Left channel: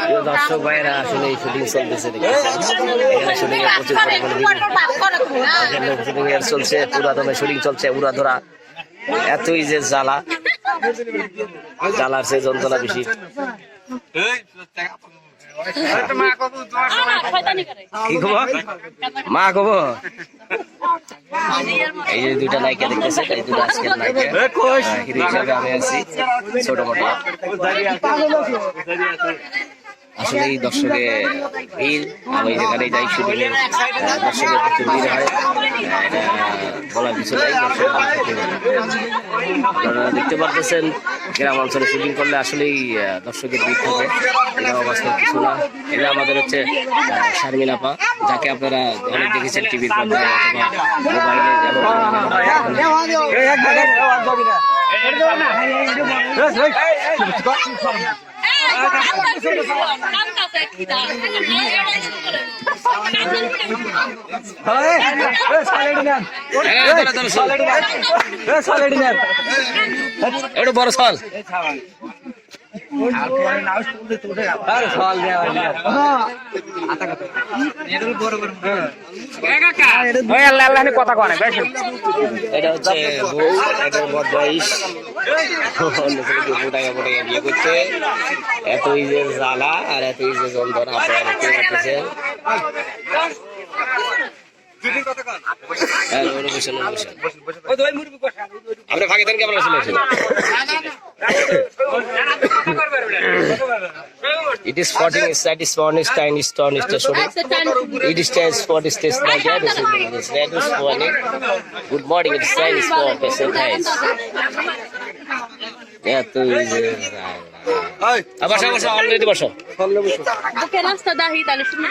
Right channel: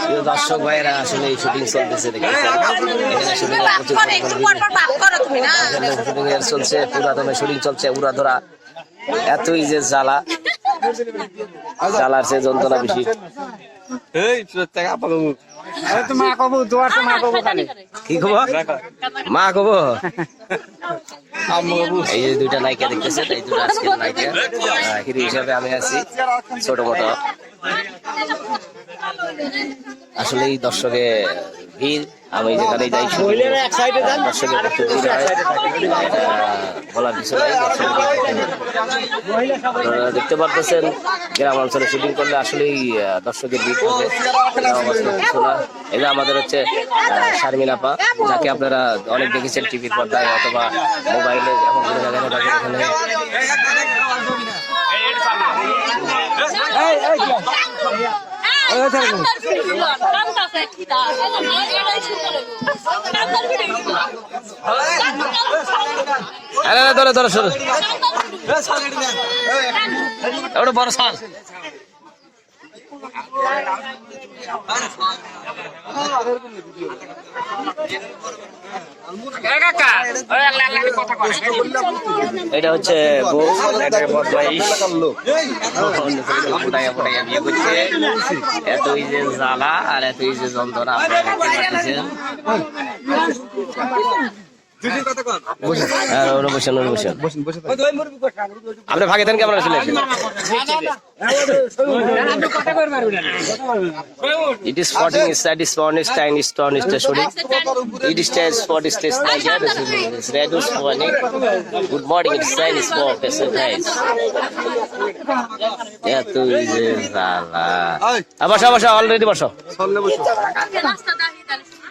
প্রিয় দর্শক ভাইয়েরা আসলে এই শুটিং চলতেছে দেখতেছেন এখানে শুটিং এর প্রচুর পরিমাণে শুটিং এর চলছে পুরাতনে শুটিং চলছে উড়াধরা। এতই যে জ্বালা। জ্বালার সে যন্ত্রণা বেশি। কি খবর? মা কব? এই যে দুইটা নায়িকা দেখতেছেন এই দুটো আজকের নায়িকা। হিরো হিসাবে আমি আছি, ছোট মোটো আসলে এই দর্শকে ভিড়, আমি যেখানে যাই শুটিং দর্শকের প্রচুর ভিড় হয়। এটা বলার কিছু নাই, দর্শকের। আপনারা দেখতে পারতেছেন, গ্রাম অঞ্চলে শুটিং করলে আসলেই দর্শকের ভিড় থাকে। এটা অবাস্তব কিছু না। এটা আমাদের হচ্ছে শারমিন আপা, যাকে আপনারা অনেক দেখেছেন টিভির পর্দায়, অথবা মোবাইলে যেমন কোনো না ধরে ধরে ওটা বড় সাল এটা হচ্ছে বউ, এটা বদমাইশ। অন্য ছেলেকে ফুটাইয়া ফুটাইয়া বিয়ে করছে। এতই যে জ্বালা আর এতই যে যন্ত্রণা আপনারা দেখতে পাচ্ছেন। হ্যাঁ, আপনি ভাগে দেন ক্যামেরা চলে আসেন It is spotting is that is one is time is is shooting. It is time spot is test like that is is that is morning. Good morning it is time is for person guys. Ya tu is salah. বসো বসো already বসো রাস্তা দাহি তাহলে শুনে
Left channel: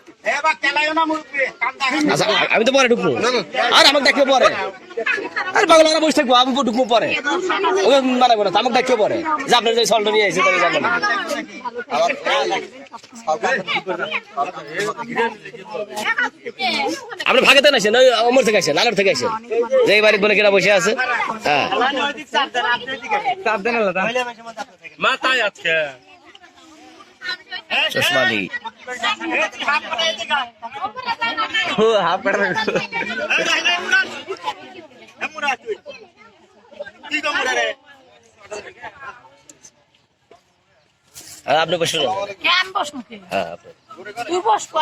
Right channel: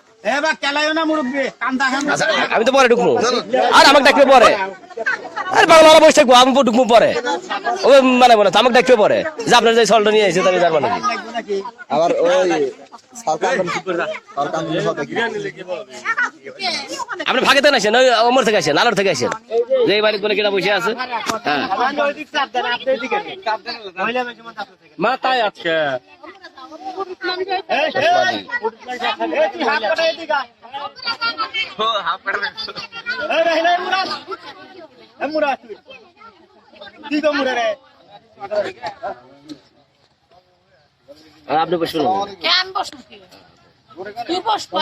আমি তো পরে ঢুকবো। আর আমাকে ডাকবে পরে। আরে বাংলা বসে থাকব আমি ঢুকবো পরে। ও মানে বলে আমাকে ডাকবে পরে। যে আপনার যে সলটা নিয়ে এসে তাহলে যাব নাকি? আবার আপনি ভাগে থেকে আসেন ওই অমর থেকে আসেন আলোর থেকে আসেন যে এই বাড়িতে বলে কিনা বসে আছে হ্যাঁ। মাথায় আজকে। চশমা দি বসুন বসবো হ্যাঁ আপনি। তুই আমি বসবো